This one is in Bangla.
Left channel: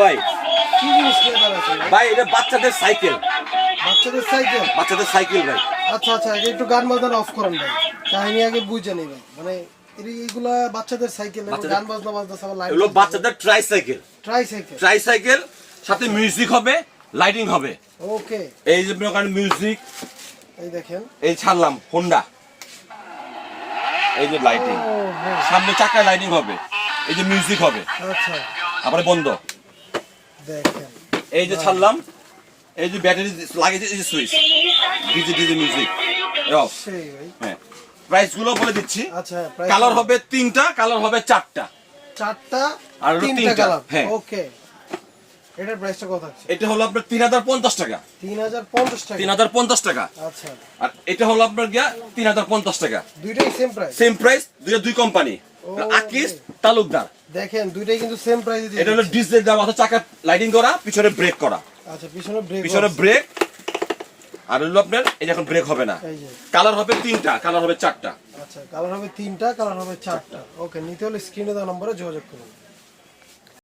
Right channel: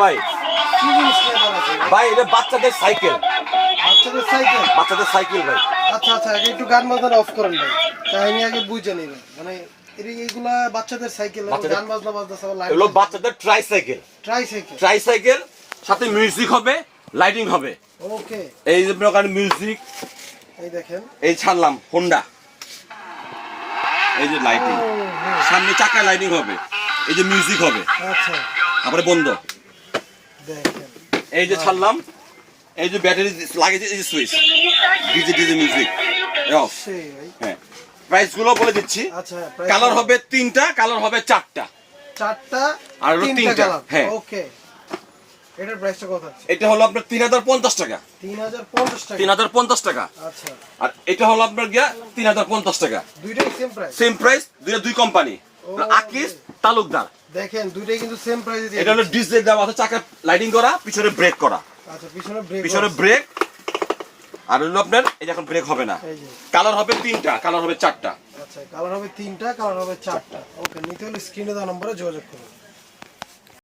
ভাই কি জিনিস নিয়ে দাঁড়াচ্ছে ভাই এটা বাচ্চাদের সাইকেল বাচ্চাদের সাইকেল ভাই। আচ্ছা আচ্ছা আগে একটু গান বাজনা অফ করেন ভাই কাহিনী আগে বুঝে নিবেন মানে এইগুলা বাচ্চাদের সাইকেল গান বাজনা বাজতেছে এগুলো বাচ্চাদের ট্রাইসাইকেল সাথে মিউজিক হবে, লাইটিং হবে। ওকে এই যে প্রকার মিউজিক, এই দেখেন এই ছাড়লাম হোন্ডা, এই যে লাইটিং, সামনে চাকায় লাইটিং হবে, এই যে মিউজিক হবে, আচ্ছা আবার বন্ধ। দেখেন এই যে ছাড়লাম, এই যে ব্যাটারি লাগিয়েছে, এই যে সুইচ, ডিজে মিউজিক অফ। সেই ভাই হ্যাঁ, প্রাইস গুলো বলে দিচ্ছি। আচ্ছা কালার হবে 3টা, কালার হবে 4টা, আর 3টা কালার। হ্যাঁ ওকে এটার প্রাইসটা কত আছে? এটা হলো আপনার 3050 টাকা। 3050 টাকা 3050 টাকা। আচ্ছা আর এটা হলো আপনার গিয়া 3050 টাকা। দুইটাই সেম প্রাইস? সেম প্রাইস, দুই কোম্পানি, আকিস তালুকদার। দেখেন দুইটাই কিন্তু সেম প্রাইসে দিয়ে এটা হলো ডিজে দেওয়া আছে, চাকা লাইটিং করা, পিছনে ব্রেক করা। আচ্ছা পিছনে ব্রেক, আর হলো আপনার এই যে এখন ব্রেক হবে না। এই যে কালার হবে 3টা, কালার হবে 4টা। আচ্ছা কালার হবে 3টা, কালার হবে 4টা। ওকে নিতে হলে স্ক্রিনে দেওয়া নম্বরে যোগাযোগ করুন।